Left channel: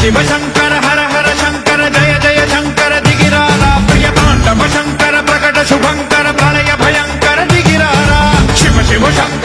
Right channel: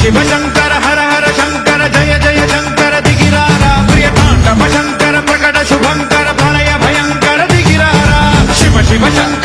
शिव शंकर हर हर शंकर जय जय शंकर दिगिरारा प्रिय तांडव शंकर प्रकट शुभंकर प्रलय भयंकर दिगिरारा शिव शिव शंकर